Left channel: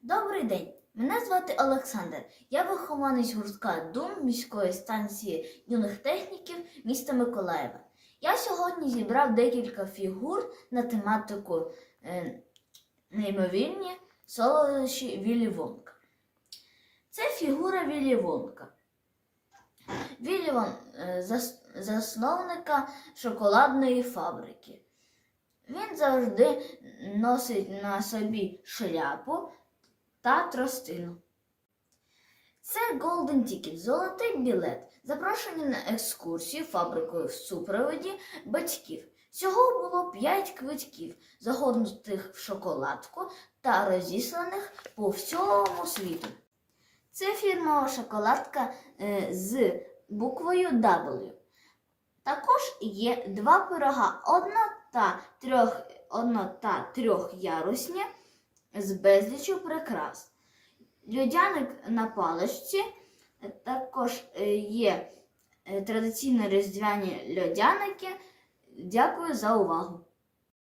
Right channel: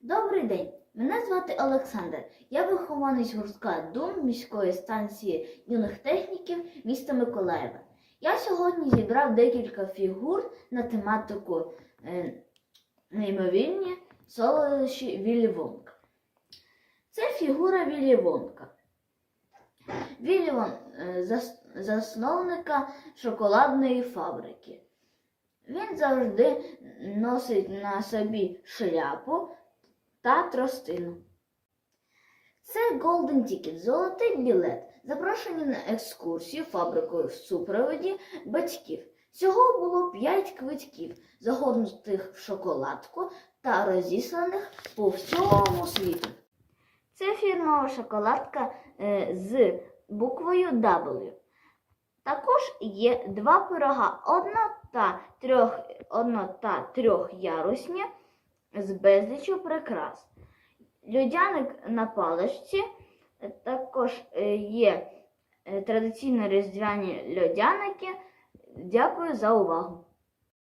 Добрий день! Мене звати Олександр. Я вихованець гуртка Дум міської станції юних техніків міста Миколаєва. Я сьогодні зібрав декілька фігур на тематику е, неймовірні солодощі Віллі Вонка. Це фігура Віллі Вонка. Віллі Вон, е, зас- засновника шоколадної фабрики. Він завжди носить на собі шляпу та тростину. Це Golden Ticket, золотий білет, запрошені на екскурсію фабрикою в супроводі батьків. Всього було 5 квитків, загорнутих в шоколадку та розісланих по всьому світу. Це фірмова шоколадка е, з буквою W. Також є два пирога, одна та трьох, одна та трьохярусні з безлічю прикрас. Льодяник на паличці, також е, є е, традиційно різдвяні льодяники. Дякую за увагу!